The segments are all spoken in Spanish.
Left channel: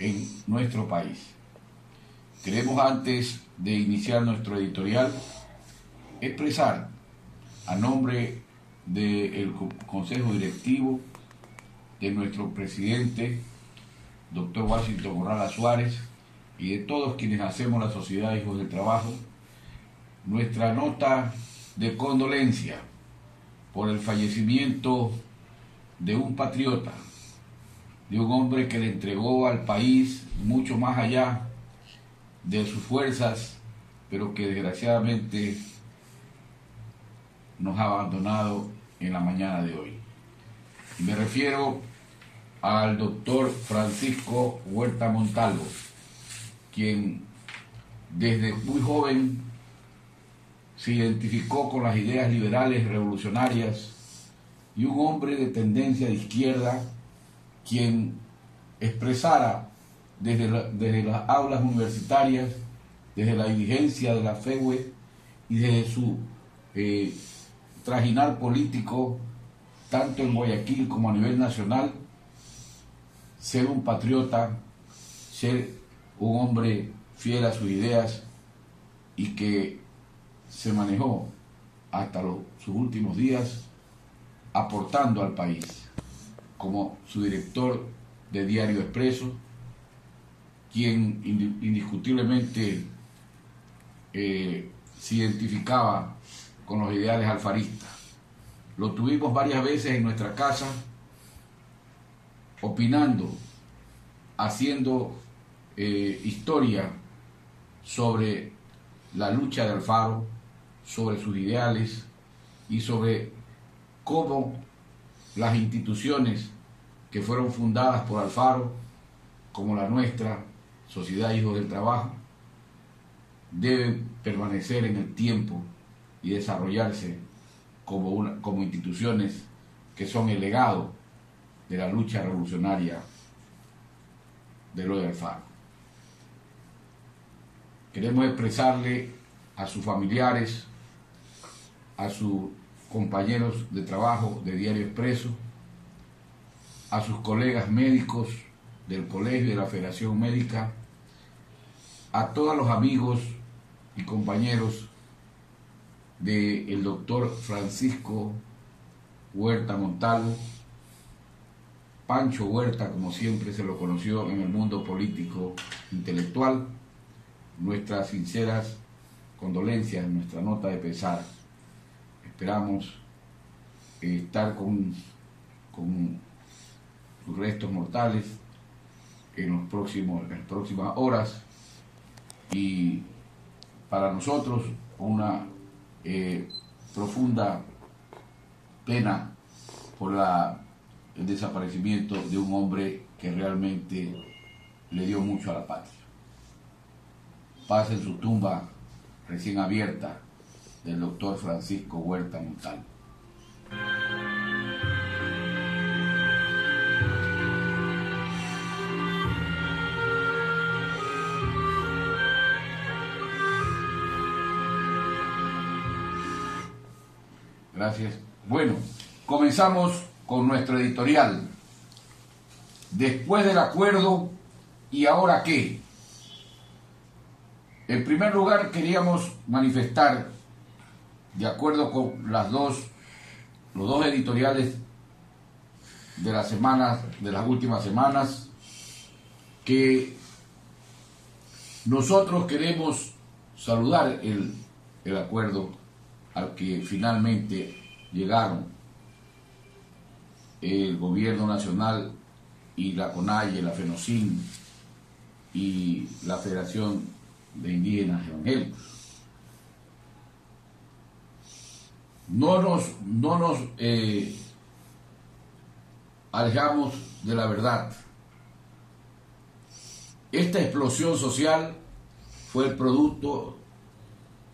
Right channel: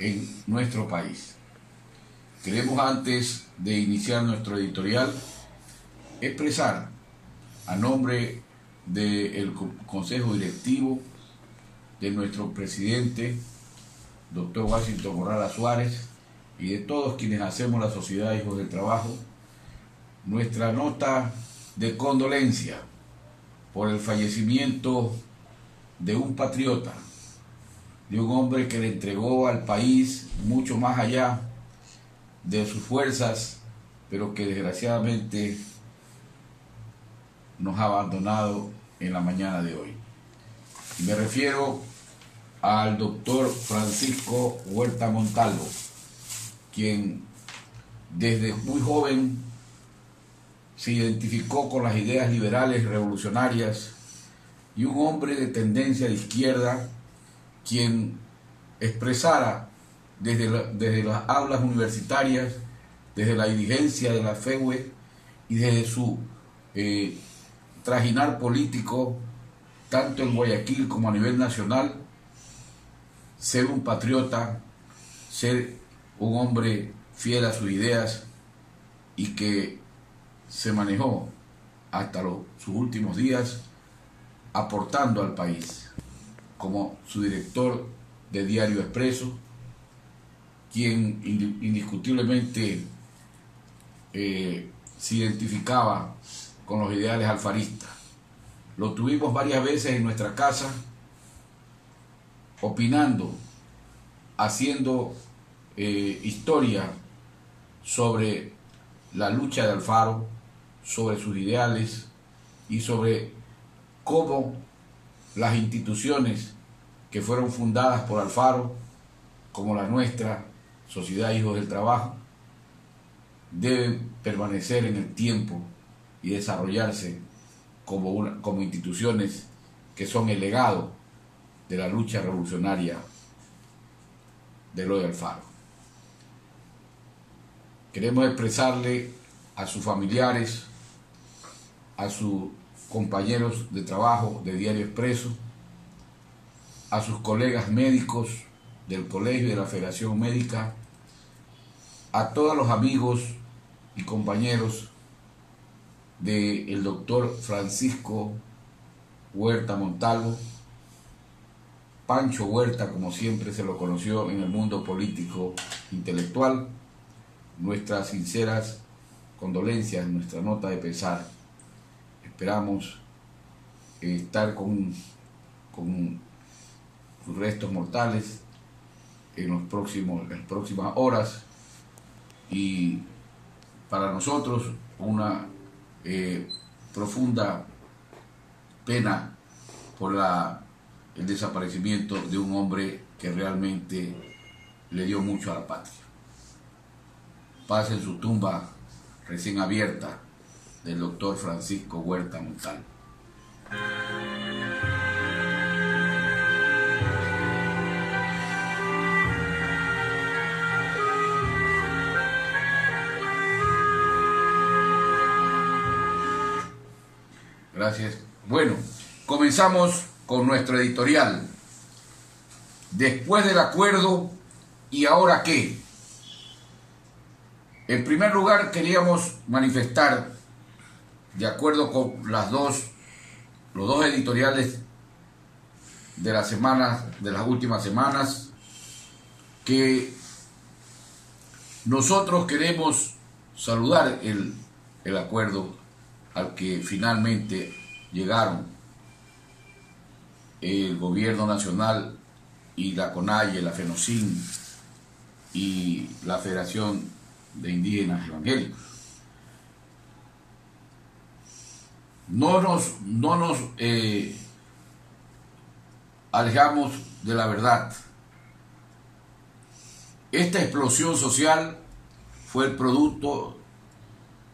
en nuestro país. Queremos, antes de iniciar nuestro editorial, expresar a nombre del Consejo Directivo, de nuestro presidente, doctor Washington Corrales Suárez, y de todos quienes hacemos la Sociedad Hijos del Trabajo, nuestra nota de condolencia por el fallecimiento de un patriota, de un hombre que le entregó al país mucho más allá de sus fuerzas, pero que desgraciadamente nos ha abandonado en la mañana de hoy. Y me refiero al doctor Francisco Huerta Montalvo, quien desde muy joven se identificó con las ideas liberales revolucionarias, y un hombre de tendencia de izquierda, quien expresara desde las aulas universitarias, desde la dirigencia de la FEUE y desde su trajinar político, tanto en Guayaquil como a nivel nacional, ser un patriota, ser un hombre fiel a sus ideas, y que se manejó hasta sus últimos días aportando al país, como su director de Diario Expreso, quien indiscutiblemente se identificaba con los ideales alfaristas. Lo tuvimos varias veces en nuestra casa, opinando, haciendo historia sobre la lucha de Alfaro, sobre sus ideales y sobre cómo las instituciones que fueron fundadas por Alfaro, como la nuestra, Sociedad Hijos del Trabajo, deben permanecer en el tiempo y desarrollarse como instituciones que son el legado de la lucha revolucionaria de Eloy Alfaro. Queremos expresarle a sus familiares, a sus compañeros de trabajo de Diario Expreso, a sus colegas médicos del colegio y de la Federación Médica, a todos los amigos y compañeros del doctor Francisco Huerta Montalvo, Pancho Huerta, como siempre se lo conoció en el mundo político intelectual, nuestras sinceras condolencias, nuestra nota de pesar. Esperamos estar con sus restos mortales en las próximas horas, y para nosotros una profunda pena por el desaparecimiento de un hombre que realmente le dio mucho a la patria. Paz en su tumba recién abierta del doctor Francisco Huerta Montalvo. Gracias. Bueno, comenzamos con nuestro editorial. Después del acuerdo, ¿y ahora qué? En primer lugar, queríamos manifestar, de acuerdo con los dos editoriales de las últimas semanas, que nosotros queremos saludar el acuerdo al que finalmente llegaron el gobierno nacional y la CONAIE, la FENOCIN y la Federación de Indígenas Evangélicos. No nos alejamos de la verdad. Esta explosión social fue el producto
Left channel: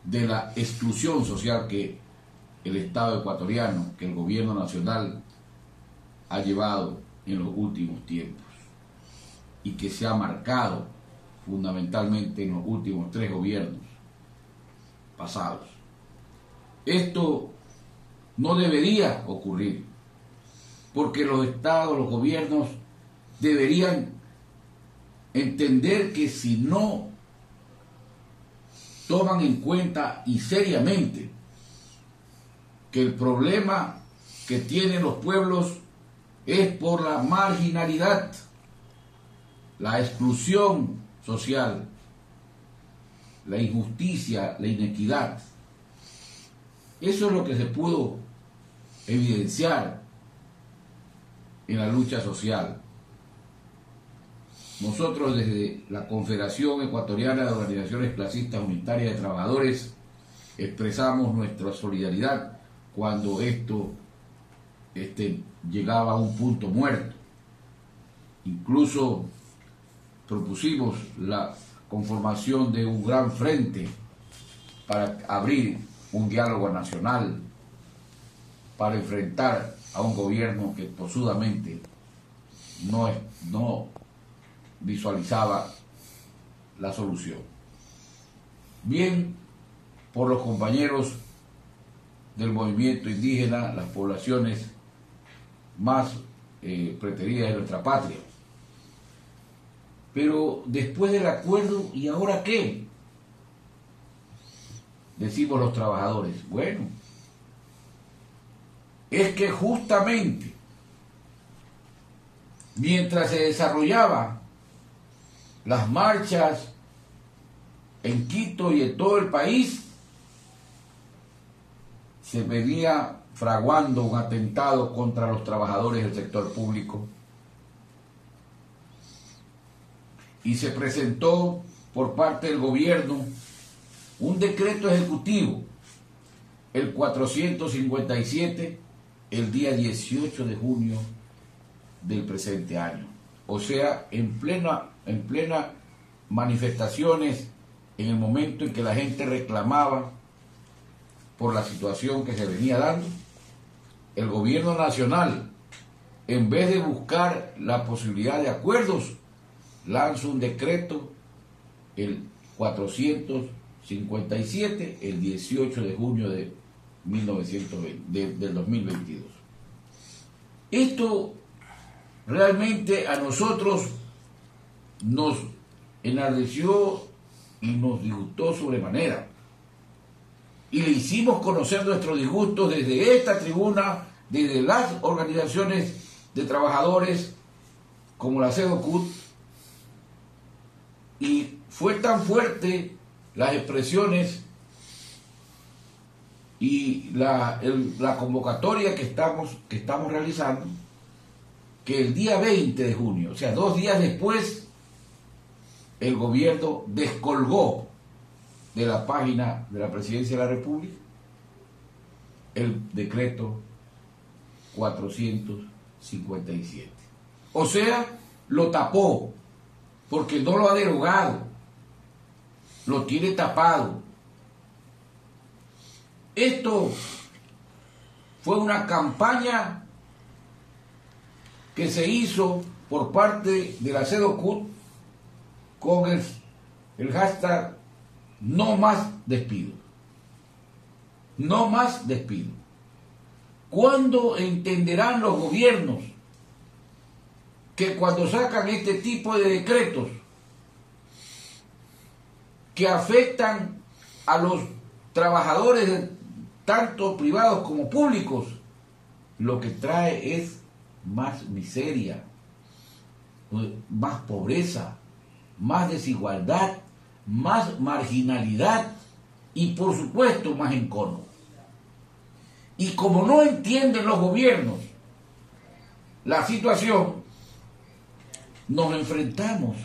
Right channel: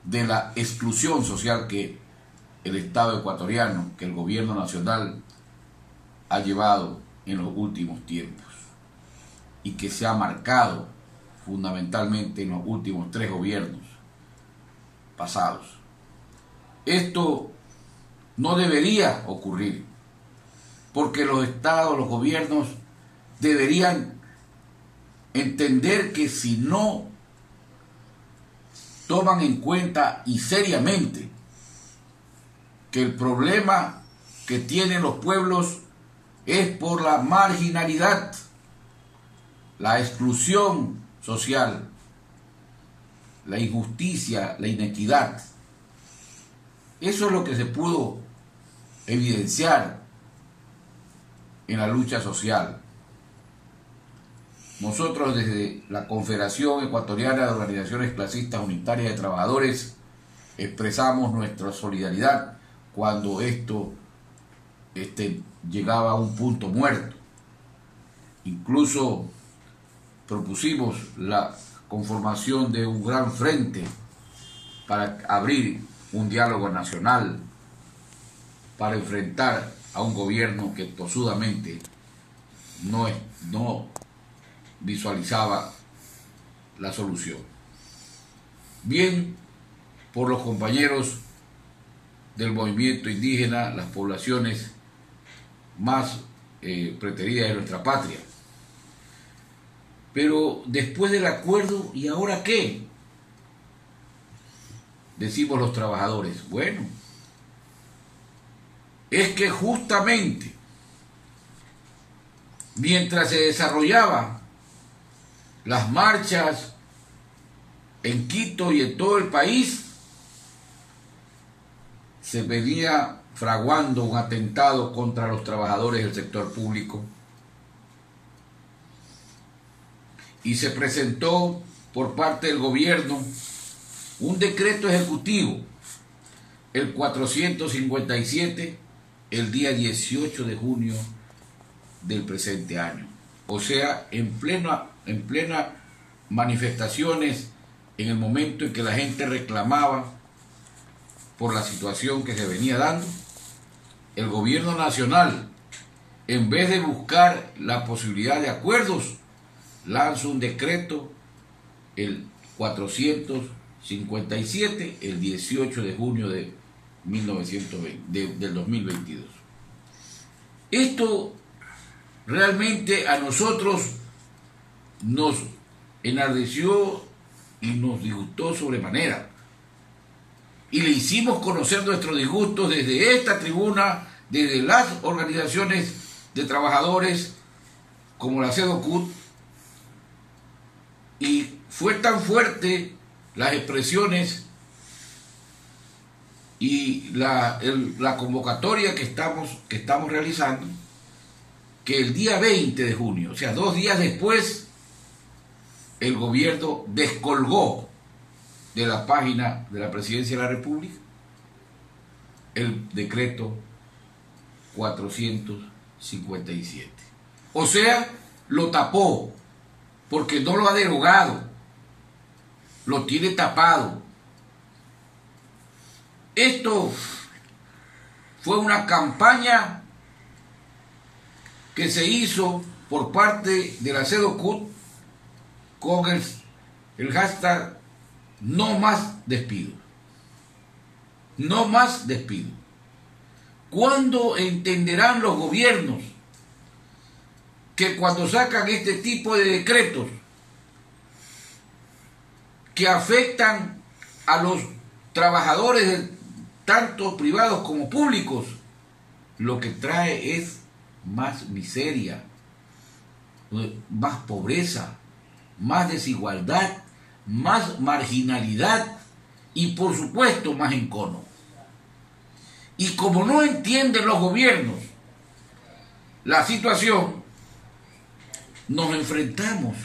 de la exclusión social que el Estado ecuatoriano, que el gobierno nacional ha llevado en los últimos tiempos, y que se ha marcado fundamentalmente en los últimos 3 gobiernos pasados. Esto no debería ocurrir, porque los estados, los gobiernos deberían entender que si no toman en cuenta y seriamente que el problema que tienen los pueblos es por la marginalidad, la exclusión social, la injusticia, la inequidad. Eso es lo que se pudo evidenciar en la lucha social. Nosotros desde la Confederación Ecuatoriana de Organizaciones Clasistas Unitarias de Trabajadores expresamos nuestra solidaridad cuando esto llegaba a un punto muerto. Incluso propusimos la conformación de un gran frente para abrir un diálogo nacional, para enfrentar a un gobierno que tosudamente no visualizaba la solución. Bien por los compañeros del movimiento indígena, las poblaciones más preteridas de nuestra patria. Pero después del acuerdo, ¿y ahora qué? Decimos los trabajadores. Bueno, es que justamente mientras se desarrollaban las marchas en Quito y en todo el país, se venía fraguando un atentado contra los trabajadores del sector público y se presentó por parte del gobierno un decreto ejecutivo, el 457, el día 18 de junio del presente año. O sea, en plena manifestaciones, en el momento en que la gente reclamaba por la situación que se venía dando, el gobierno nacional, en vez de buscar la posibilidad de acuerdos, lanza un decreto, el 457, el 18 de junio de 1920, del 2022. Esto realmente a nosotros nos enardeció y nos disgustó sobremanera. Y le hicimos conocer nuestros disgustos desde esta tribuna, desde las organizaciones de trabajadores como la CEDOCUT, y fue tan fuerte las expresiones y la convocatoria que estamos realizando, que el día 20 de junio, o sea, 2 días después, el gobierno descolgó de la página de la Presidencia de la República el decreto 457. O sea, lo tapó, porque no lo ha derogado, lo tiene tapado. Esto fue una campaña que se hizo por parte de la CEDOCUT con el hashtag no más despido. No más despido. ¿Cuándo entenderán los gobiernos que cuando sacan este tipo de decretos que afectan a los trabajadores tanto privados como públicos, lo que trae es más miseria, más pobreza, más desigualdad, más marginalidad y por supuesto más encono? Y como no entienden los gobiernos la situación, nos enfrentamos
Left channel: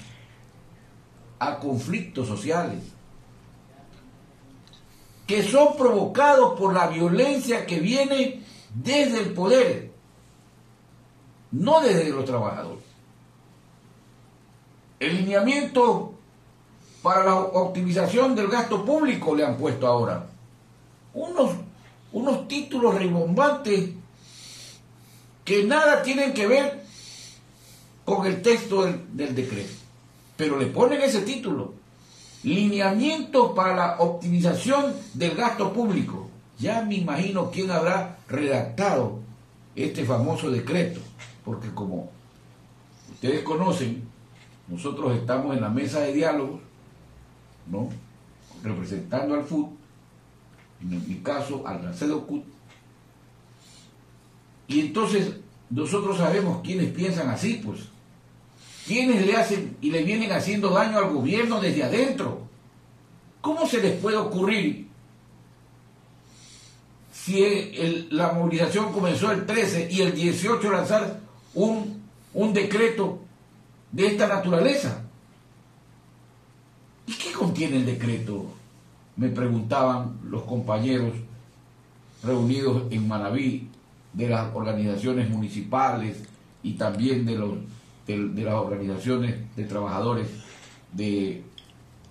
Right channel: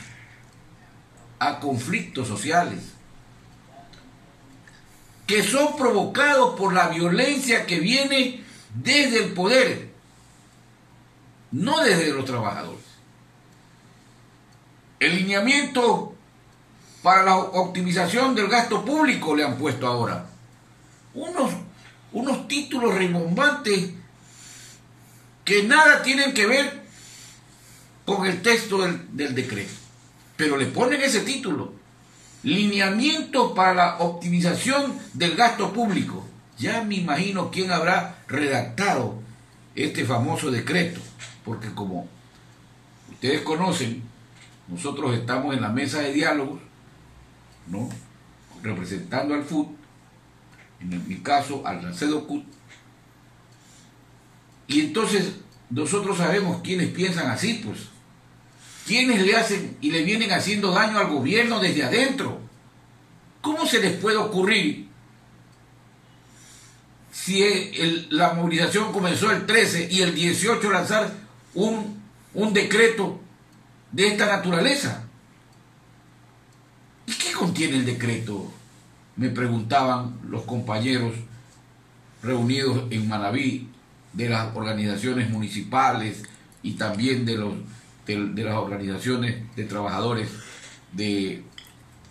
a conflictos sociales que son provocados por la violencia que viene desde el poder, no desde los trabajadores. El lineamiento para la optimización del gasto público le han puesto ahora unos títulos rimbombantes que nada tienen que ver con el texto del decreto, pero le ponen ese título: lineamiento para la optimización del gasto público. Ya me imagino quién habrá redactado este famoso decreto, porque como ustedes conocen, nosotros estamos en la mesa de diálogo, ¿no?, representando al FUT, en mi caso al Racedocut, y entonces nosotros sabemos quiénes piensan así, pues, quiénes le hacen y le vienen haciendo daño al gobierno desde adentro. ¿Cómo se les puede ocurrir, si la movilización comenzó el 13 y el 18 lanzar un decreto de esta naturaleza? ¿Y qué contiene el decreto?, me preguntaban los compañeros reunidos en Manabí, de las organizaciones municipales y también de las organizaciones de trabajadores de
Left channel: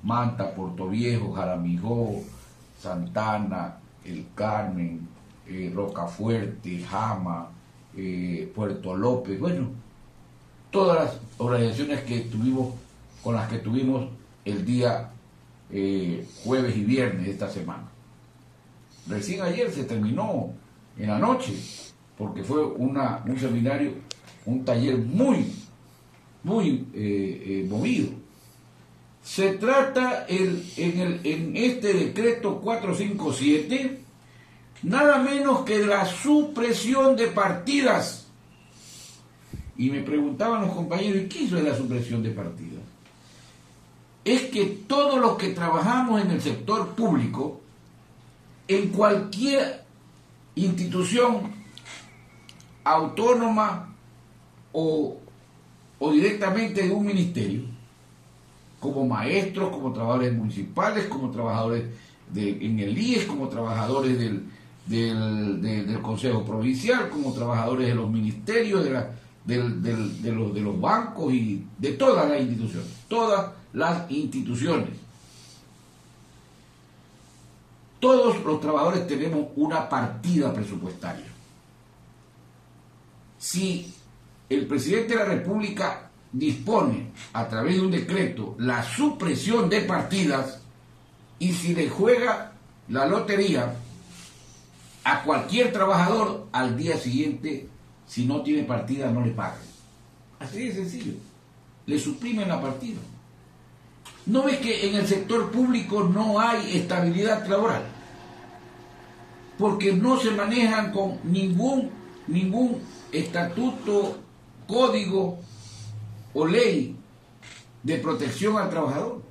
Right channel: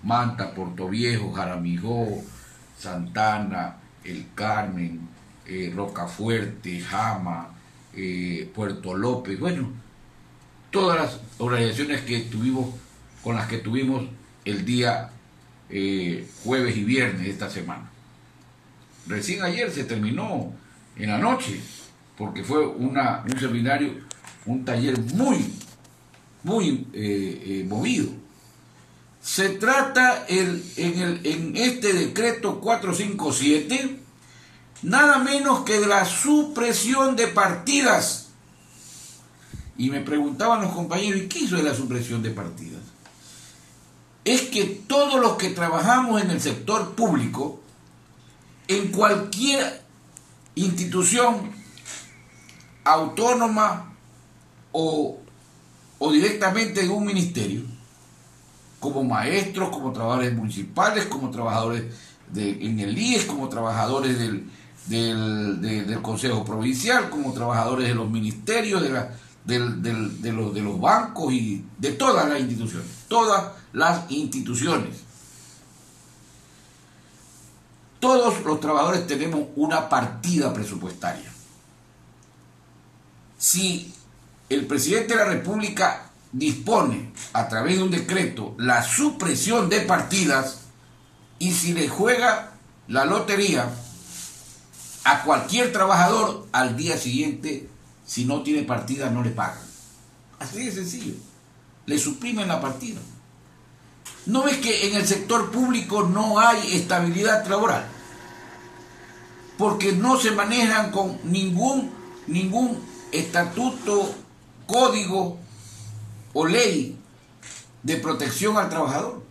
Manta, Portoviejo, Jaramijó, Santana, El Carmen, Rocafuerte, Jama, Puerto López, bueno, todas las organizaciones con las que tuvimos el día jueves y viernes de esta semana. Recién ayer se terminó en la noche, porque fue un seminario, un taller muy movido. Se trata en este decreto 457 nada menos que de la supresión de partidas. Y me preguntaban los compañeros, ¿y qué hizo de la supresión de partidas? Es que todos los que trabajamos en el sector público, en cualquier institución autónoma o directamente de un ministerio, como maestros, como trabajadores municipales, como trabajadores en el IES, como trabajadores del Consejo Provincial, como trabajadores de los ministerios, de los bancos y de todas las instituciones. Todos los trabajadores tenemos una partida presupuestaria. Si el presidente de la República dispone a través de un decreto la supresión de partidas, y si le juega la lotería a cualquier trabajador, al día siguiente, si no tiene partida, no le pagan. Así de sencillo. Le suprimen la partida. ¿No ves que en el sector público no hay estabilidad laboral? Porque no se manejan con ningún estatuto, código o ley de protección al trabajador.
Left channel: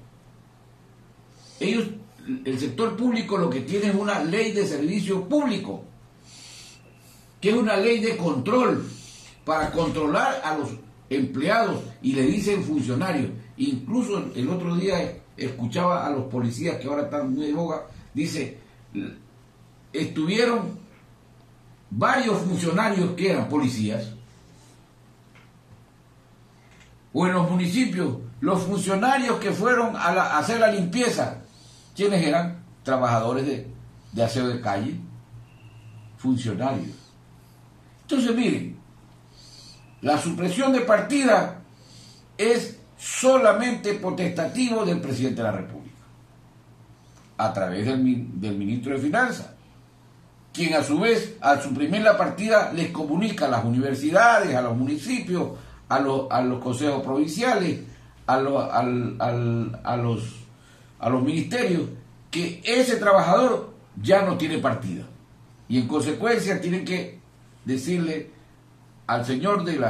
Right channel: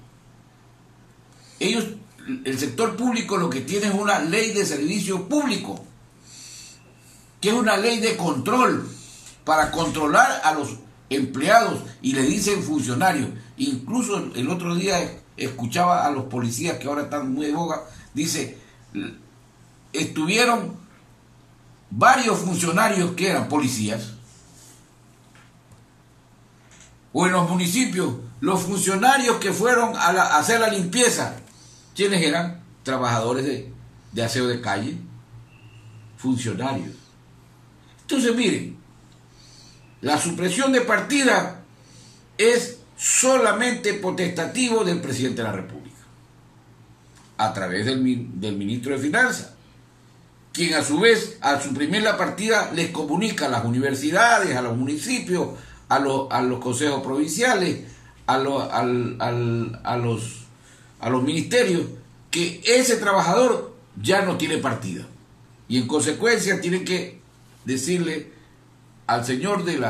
El sector público lo que tiene es una ley de servicio público, que es una ley de control para controlar a los empleados, y le dicen funcionarios. Incluso el otro día escuchaba a los policías, que ahora están muy de boga, dice, estuvieron varios funcionarios que eran policías, o en los municipios, los funcionarios que fueron a hacer la limpieza, ¿quiénes eran? Trabajadores de aseo de calle, funcionarios. Entonces, miren, la supresión de partida es solamente potestativo del presidente de la República, a través del ministro de Finanzas, quien a su vez, al suprimir la partida, les comunica a las universidades, a los municipios, a los consejos provinciales, a los ministerios, que ese trabajador ya no tiene partida. Y en consecuencia tienen que decirle al señor del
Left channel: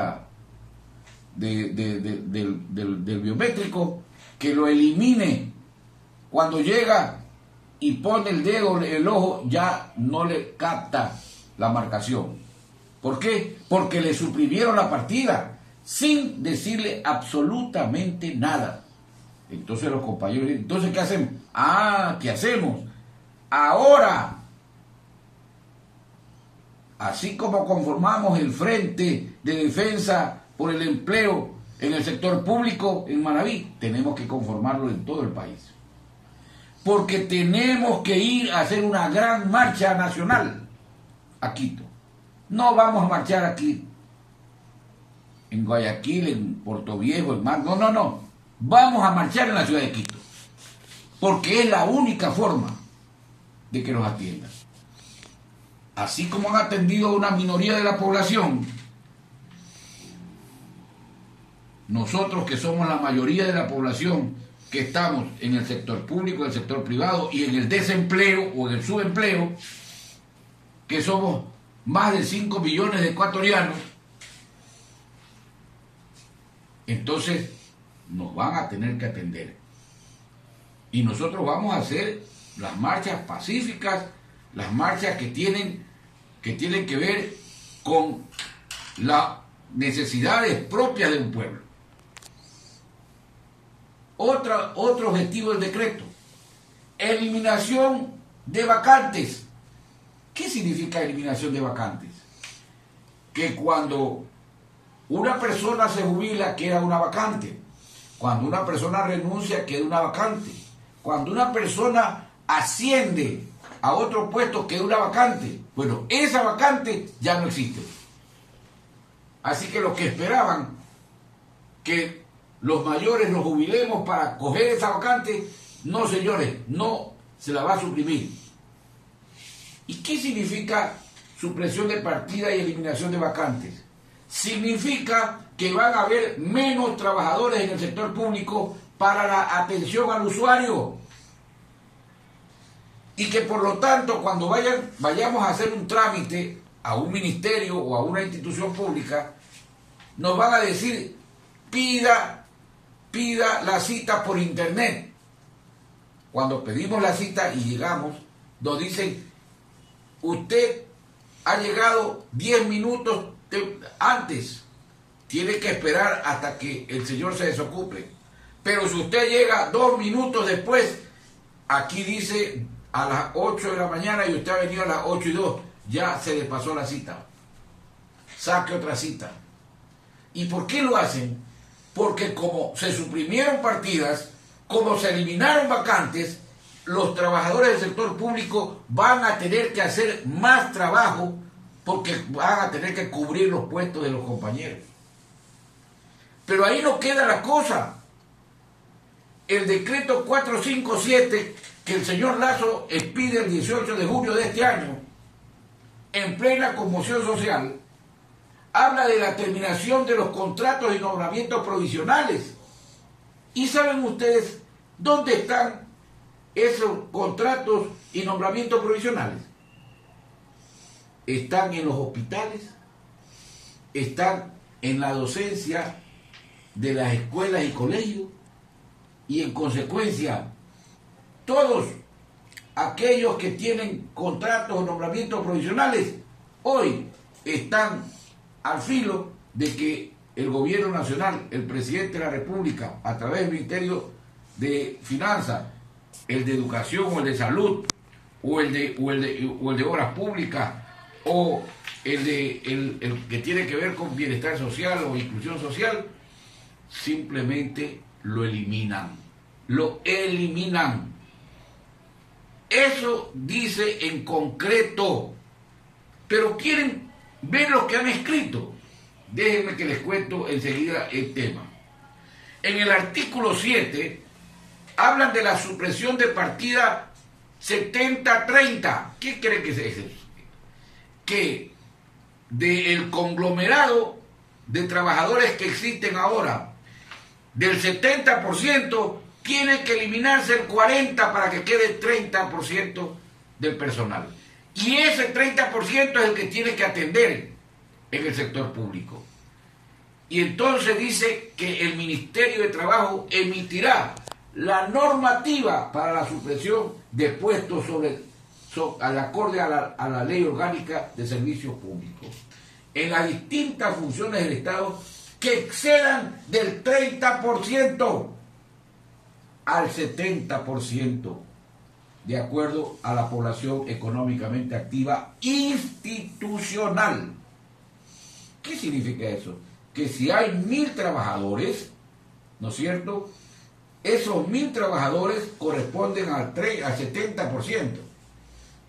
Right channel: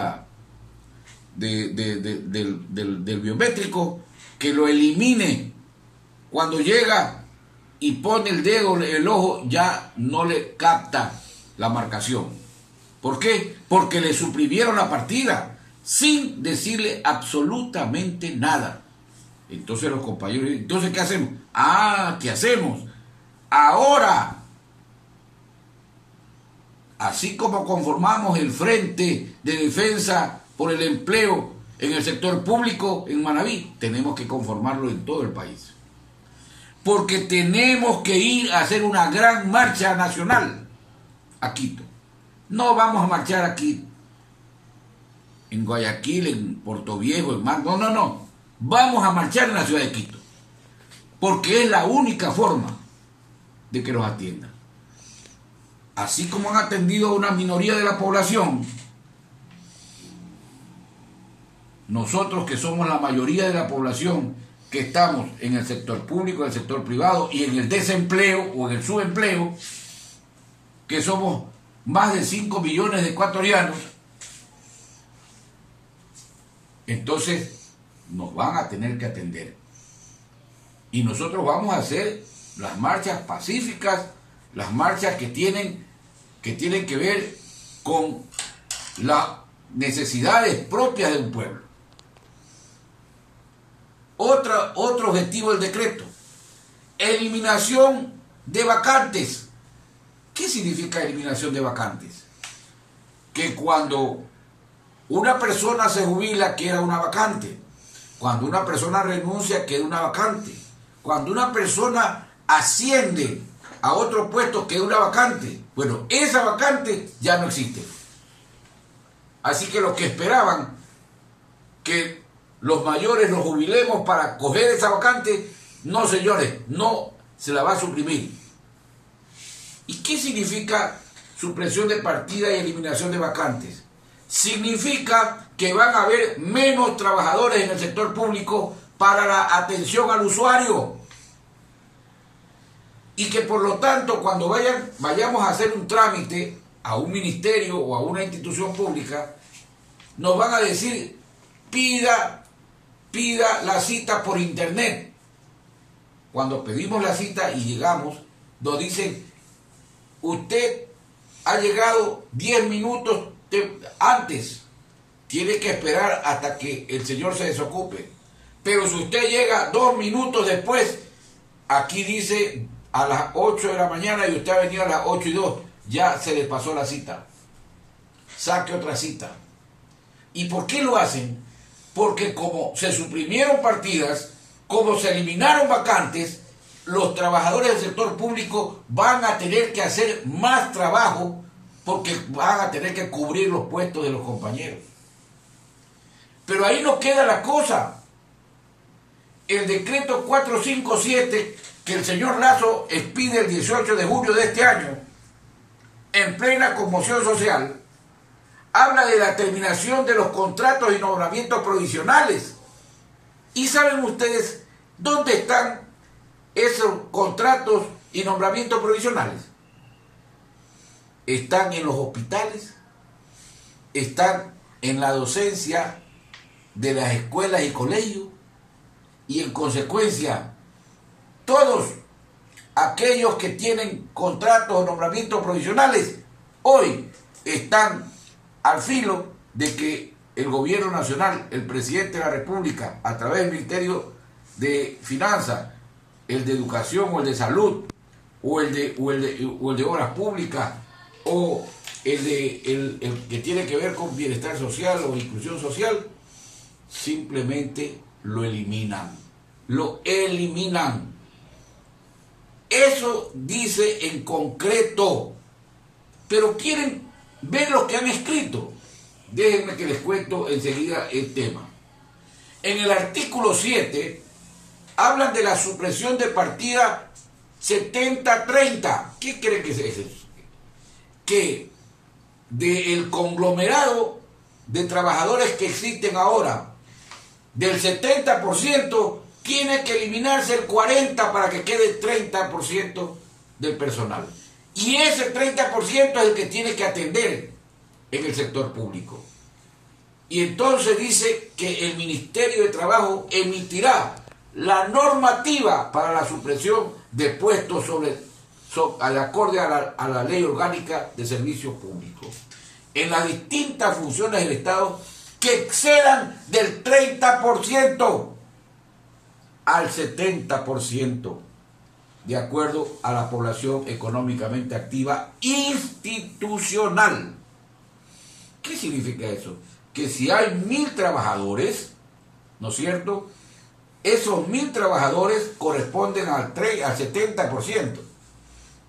biométrico que lo elimine. Cuando llega y pone el dedo, el ojo, ya no le capta la marcación. ¿Por qué? Porque le suprimieron la partida sin decirle absolutamente nada. Entonces los compañeros, ¿entonces qué hacemos? ¿Qué hacemos? Ahora, así como conformamos el Frente de Defensa por el Empleo en el sector público en Manabí, tenemos que conformarlo en todo el país. Porque tenemos que ir a hacer una gran marcha nacional a Quito. No vamos a marchar aquí en Guayaquil, en Portoviejo, en Manta. No. Vamos a marchar en la ciudad de Quito. Porque es la única forma de que nos atiendan. Así como han atendido a una minoría de la población, nosotros que somos la mayoría de la población que estamos en el sector público, en el sector privado y en el desempleo o en el subempleo, que somos más de 5 millones de ecuatorianos, entonces nos van a tener que atender. Y nosotros vamos a hacer las marchas pacíficas, las marchas que tienen que ver con las necesidades propias de un pueblo. Otro objetivo del decreto: eliminación de vacantes. ¿Qué significa eliminación de vacantes? Que cuando una persona se jubila queda una vacante, cuando una persona renuncia queda una vacante, cuando una persona asciende a otro puesto queda una vacante. Bueno, esa vacante ya no existe. Así que los que esperaban que los mayores nos jubilemos para coger esa vacante, no, señores, no se la va a suprimir. ¿Y qué significa supresión de partida y eliminación de vacantes? Significa que van a haber menos trabajadores en el sector público para la atención al usuario. Y que por lo tanto, cuando vayamos a hacer un trámite a un ministerio o a una institución pública, nos van a decir: pida la cita por internet. Cuando pedimos la cita y llegamos, nos dicen: usted ha llegado 10 minutos antes, tiene que esperar hasta que el señor se desocupe. Pero si usted llega 2 minutos después, aquí dice a las 8 de la mañana y usted ha venido a las 8:02, ya se le pasó la cita. Saque otra cita. ¿Y por qué lo hacen? Porque como se suprimieron partidas, como se eliminaron vacantes, los trabajadores del sector público van a tener que hacer más trabajo porque van a tener que cubrir los puestos de los compañeros. Pero ahí no queda la cosa. El decreto 457 que el señor Lazo expide el 18 de julio de este año, en plena conmoción social, habla de la terminación de los contratos y nombramientos provisionales. ¿Y saben ustedes dónde están esos contratos y nombramientos provisionales? Están en los hospitales, están en la docencia de las escuelas y colegios, y en consecuencia todos aquellos que tienen contratos o nombramientos provisionales hoy están al filo de que el gobierno nacional, el presidente de la República, a través del Ministerio de Finanzas, el de Educación o el de Salud, o el de Obras Públicas, o el que tiene que ver con bienestar social o inclusión social, simplemente lo eliminan. Lo eliminan. Eso dice en concreto. Pero quieren ver lo que han escrito. Déjenme que les cuento enseguida el tema. En el artículo 7 hablan de la supresión de partida 70-30. ¿Qué creen que es eso? Que del conglomerado de trabajadores que existen ahora, del 70%, tiene que eliminarse el 40% para que quede el 30% del personal. Y ese 30% es el que tiene que atender en el sector público. Y entonces dice que el Ministerio de Trabajo emitirá la normativa para la supresión de puestos acorde a la Ley Orgánica de Servicios Públicos en las distintas funciones del Estado que excedan del 30% al 70% de acuerdo a la población económicamente activa institucional. ¿Qué significa eso? Que si hay 1.000 trabajadores, ¿no es cierto?, esos 1.000 trabajadores corresponden al 70%.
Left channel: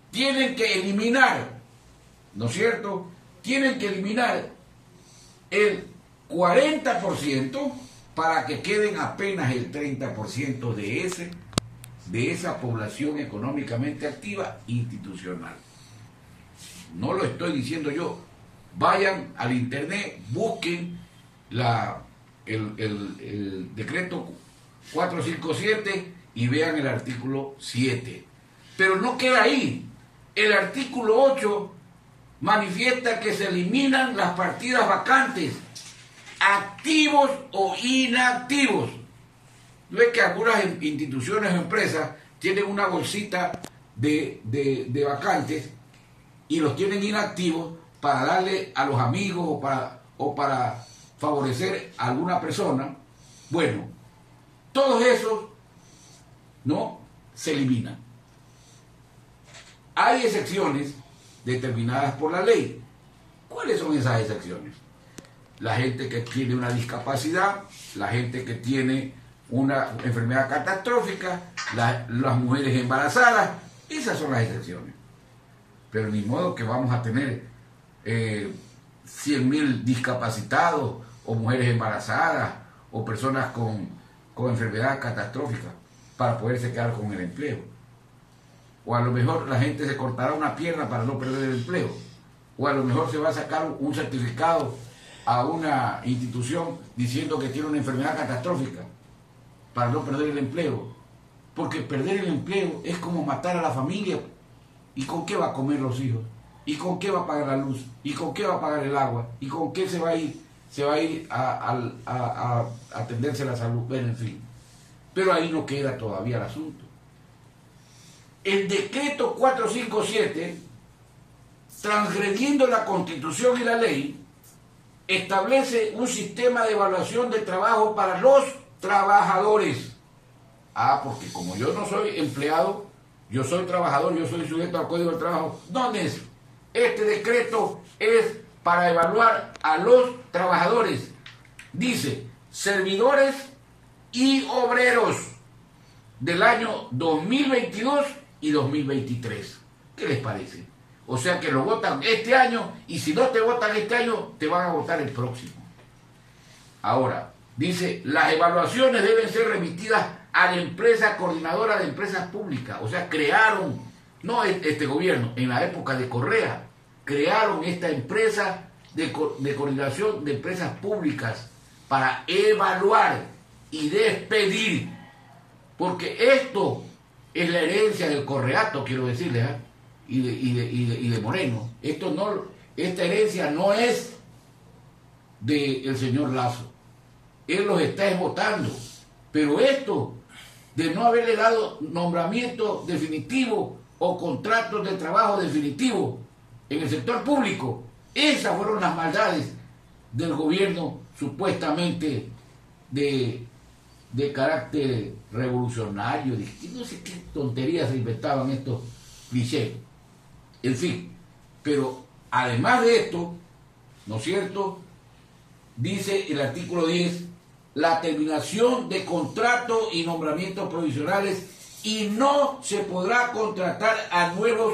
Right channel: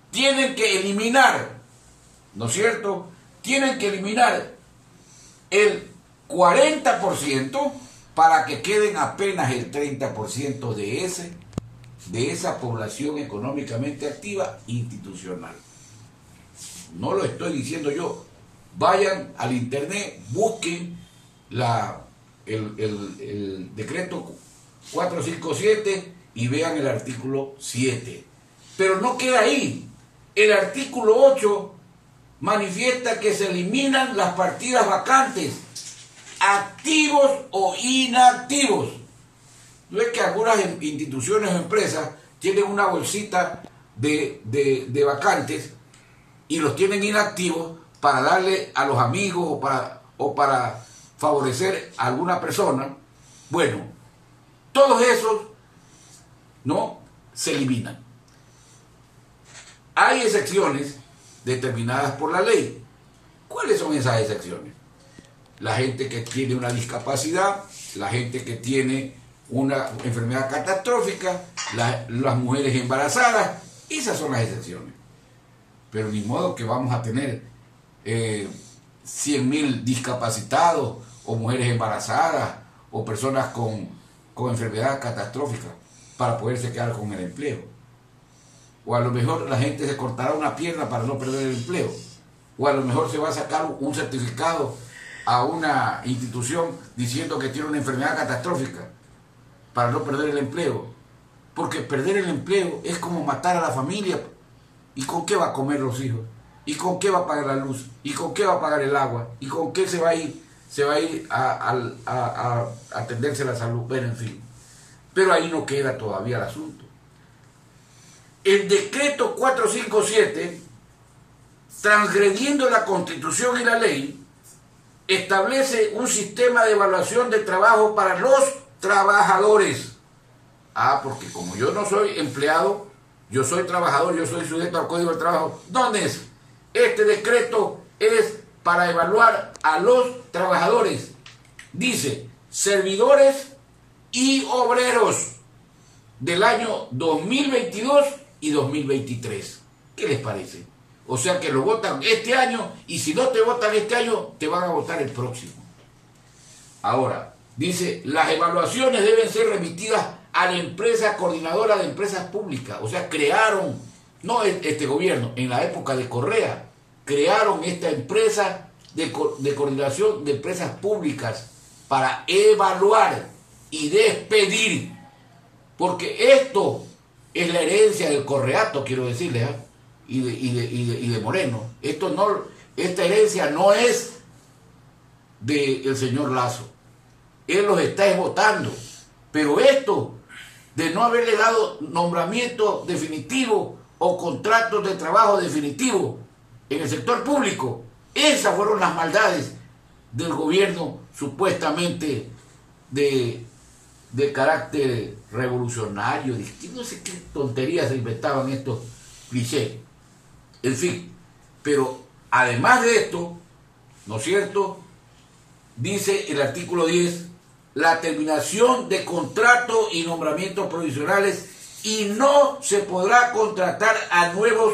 Tienen que eliminar, ¿no es cierto?, tienen que eliminar el 40% para que queden apenas el 30% de esa población económicamente activa institucional. No lo estoy diciendo yo. Vayan al internet, busquen el decreto 457 y vean el artículo 7. Pero no queda ahí. El artículo 8 manifiesta que se eliminan las partidas vacantes, activos o inactivos. No es que algunas instituciones o empresas tienen una bolsita de vacantes y los tienen inactivos para darle a los amigos o para favorecer a alguna persona. Bueno, todos esos no se eliminan. Hay excepciones determinadas por la ley. ¿Cuáles son esas excepciones? La gente que tiene una discapacidad, la gente que tiene una enfermedad catastrófica, las mujeres embarazadas, esas son las excepciones. Pero ni modo que vamos a tener 100.000 discapacitados o mujeres embarazadas o personas con enfermedad catastrófica para poderse quedar con el empleo. O a lo mejor la gente se cortará una pierna para no perder el empleo. O a lo mejor se va a sacar un certificado a una institución diciendo que tiene una enfermedad catastrófica para no perder el empleo. Porque perder el empleo es como matar a la familia. ¿Y con qué va a comer los hijos? ¿Y con qué va a pagar la luz? ¿Y con qué va a pagar el agua? ¿Y con qué se va a ir? Se va a ir a atenderse la salud. Bueno, en fin. Pero ahí no queda todavía el asunto. El decreto 457, transgrediendo la Constitución y la ley, establece un sistema de evaluación de trabajo para los trabajadores. Porque como yo no soy empleado, yo soy trabajador, yo soy sujeto al Código del Trabajo. ¿Dónde es? Este decreto es para evaluar a los trabajadores. Dice, servidores y obreros del año 2022 y 2023. ¿Qué les parece? O sea que lo votan este año y si no te votan este año, te van a votar el próximo. Ahora, dice, las evaluaciones deben ser remitidas a la empresa coordinadora de empresas públicas. O sea, crearon, no este gobierno, en la época de Correa, crearon esta empresa de coordinación de empresas públicas para evaluar y despedir. Porque esto es la herencia del correato, quiero decirles, y de Moreno. Esta herencia no es del señor Lazo. Él los está votando. Pero esto de no haberle dado nombramiento definitivo o contratos de trabajo definitivo en el sector público, esas fueron las maldades del gobierno supuestamente de carácter revolucionario, no sé qué tonterías se inventaban estos clichés. En fin, pero además de esto, ¿no es cierto? Dice el artículo 10, la terminación de contratos y nombramientos provisionales y no se podrá contratar a nuevos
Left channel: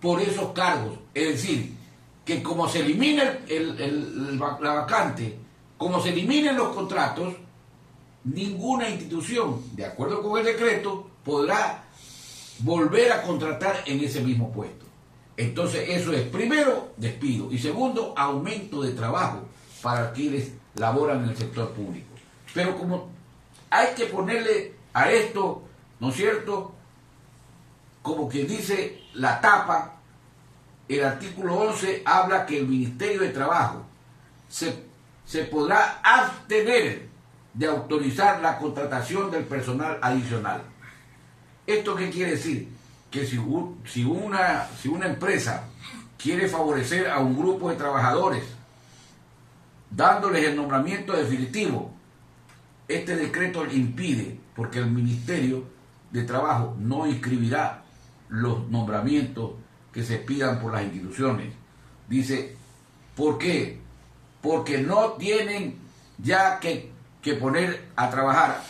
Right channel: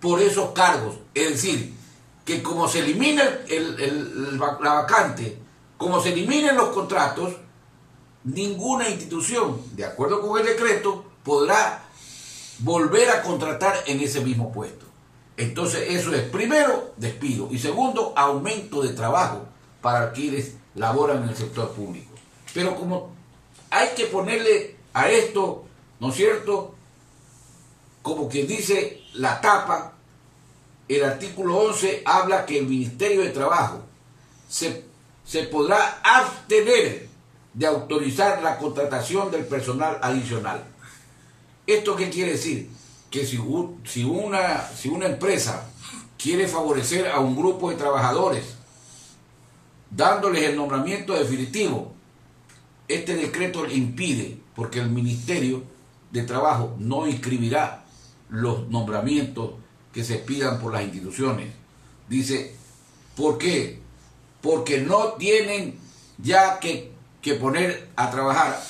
por esos cargos. Es decir, que como se elimina la vacante, como se eliminen los contratos, ninguna institución, de acuerdo con el decreto, podrá volver a contratar en ese mismo puesto. Entonces eso es, primero, despido, y segundo, aumento de trabajo para quienes laboran en el sector público. Pero como hay que ponerle a esto, ¿no es cierto?, como quien dice la tapa, el artículo 11 habla que el Ministerio de Trabajo se podrá abstener de autorizar la contratación del personal adicional. ¿Esto qué quiere decir? Que si una empresa quiere favorecer a un grupo de trabajadores dándoles el nombramiento definitivo, este decreto le impide, porque el Ministerio de Trabajo no inscribirá los nombramientos que se pidan por las instituciones. Dice, ¿por qué? Porque no tienen ya que poner a trabajar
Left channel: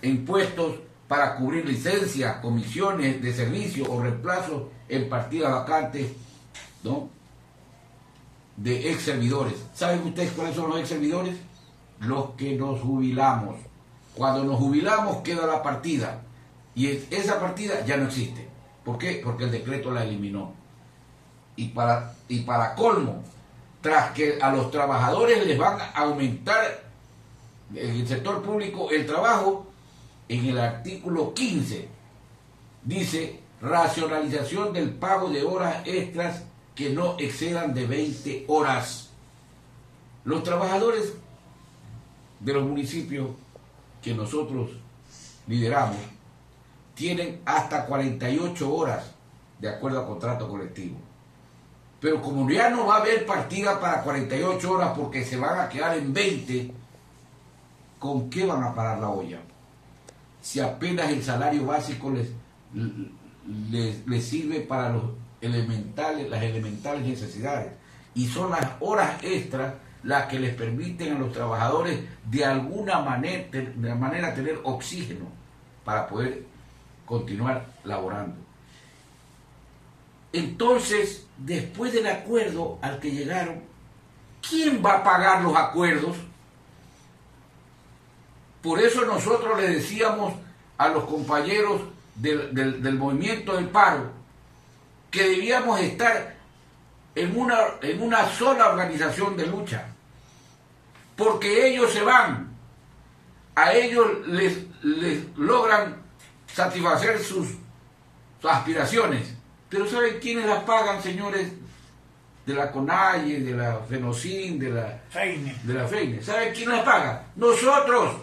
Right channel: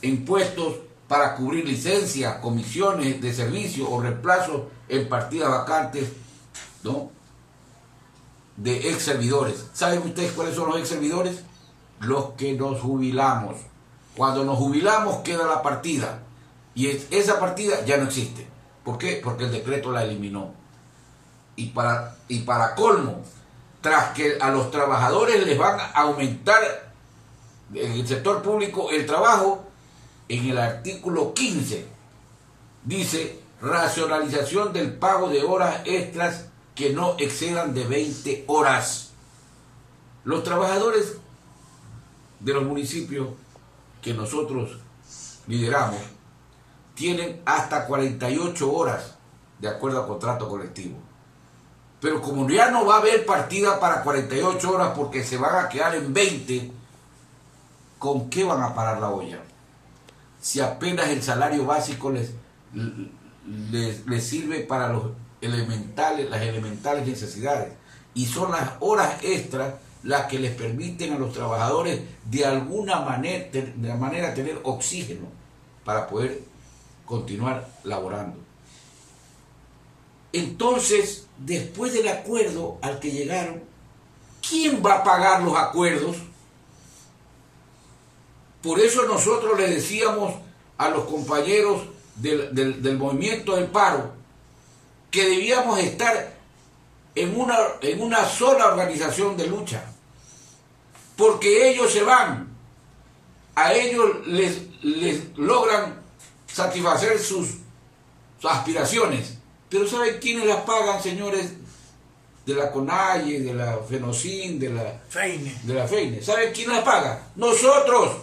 en puestos para cubrir licencias, comisiones de servicio o reemplazos en partidas vacantes, ¿no?, de ex servidores. ¿Saben ustedes cuáles son los ex servidores? Los que nos jubilamos. Cuando nos jubilamos queda la partida y esa partida ya no existe. ¿Por qué? Porque el decreto la eliminó. Y para colmo, tras que a los trabajadores les van a aumentar en el sector público, el trabajo, en el artículo 15, dice racionalización del pago de horas extras que no excedan de 20 horas. Los trabajadores de los municipios que nosotros lideramos tienen hasta 48 horas de acuerdo al contrato colectivo. Pero como ya no va a haber partida para 48 horas porque se van a quedar en 20, ¿con qué van a parar la olla? Si apenas el salario básico les sirve para las elementales necesidades. Y son las horas extras las que les permiten a los trabajadores de alguna manera tener oxígeno para poder continuar laborando. Entonces, después del acuerdo al que llegaron, ¿quién va a pagar los acuerdos? Por eso nosotros le decíamos a los compañeros del movimiento del paro que debíamos estar en una sola organización de lucha, porque ellos se van, a ellos les logran satisfacer sus aspiraciones, pero ¿saben quiénes las pagan, señores? De la CONAIE, de la FENOCIN, de la FEINE. ¿Saben quién las paga? Nosotros,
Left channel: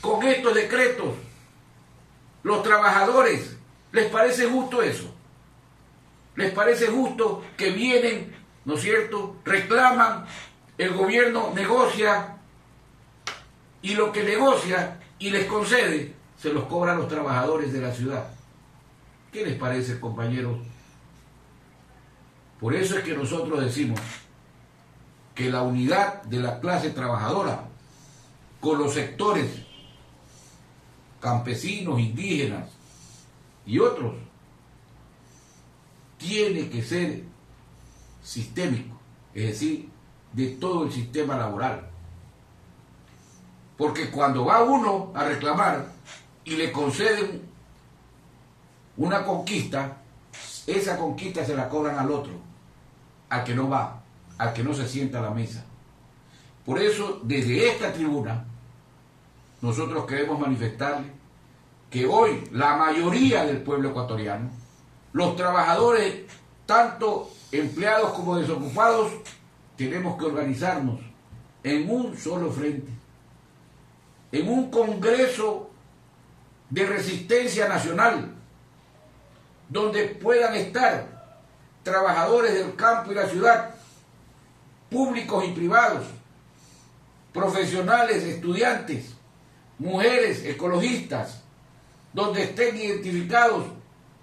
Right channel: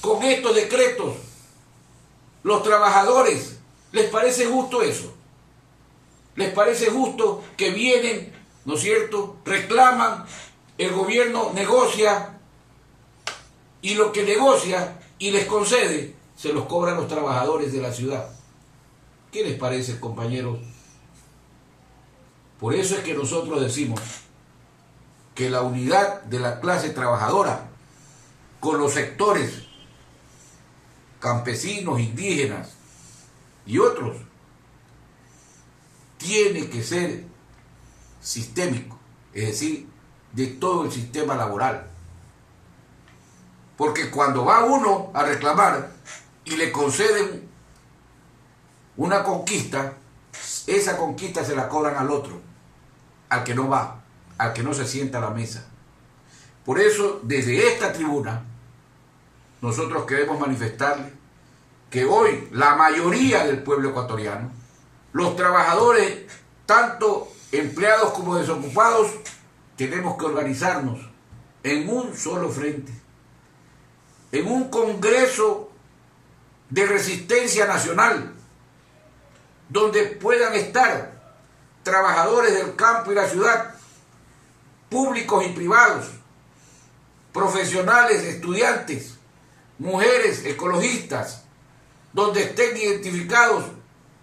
con estos decretos. Los trabajadores, ¿les parece justo eso? ¿Les parece justo que vienen, ¿no es cierto?, reclaman, el gobierno negocia, y lo que negocia y les concede, se los cobran los trabajadores de la ciudad? ¿Qué les parece, compañeros? Por eso es que nosotros decimos que la unidad de la clase trabajadora con los sectores campesinos, indígenas y otros tiene que ser sistémico, es decir, de todo el sistema laboral. Porque cuando va uno a reclamar y le conceden una conquista, esa conquista se la cobran al otro, al que no va, al que no se sienta a la mesa. Por eso, desde esta tribuna, nosotros queremos manifestarle que hoy la mayoría del pueblo ecuatoriano, los trabajadores, tanto empleados como desocupados, tenemos que organizarnos en un solo frente, en un congreso de resistencia nacional, donde puedan estar trabajadores del campo y la ciudad, públicos y privados, profesionales, estudiantes, mujeres, ecologistas, donde estén identificados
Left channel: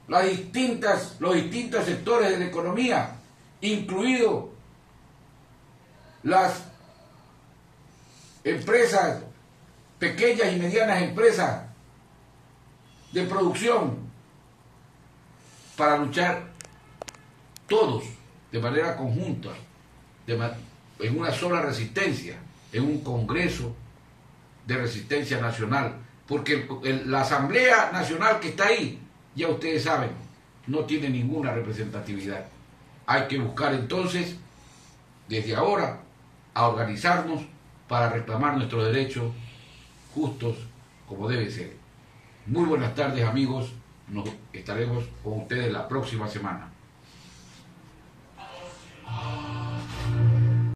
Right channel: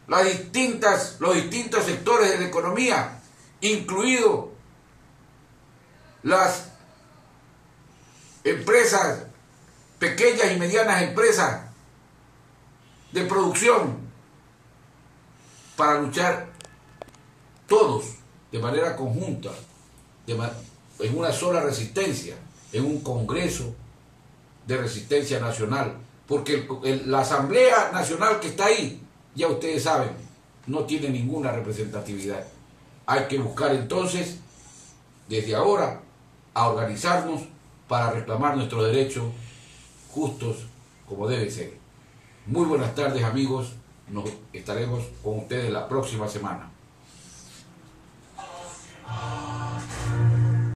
los distintos sectores de la economía, incluidos las empresas, pequeñas y medianas empresas de producción, para luchar todos de manera conjunta, en una sola resistencia, en un congreso de resistencia nacional, porque la Asamblea Nacional que está ahí, ya ustedes saben, no tiene ninguna representatividad. Hay que buscar entonces, desde ahora, a organizarnos para reclamar nuestros derechos justos como debe ser. Muy buenas tardes, amigos. Nos estaremos con ustedes la próxima semana.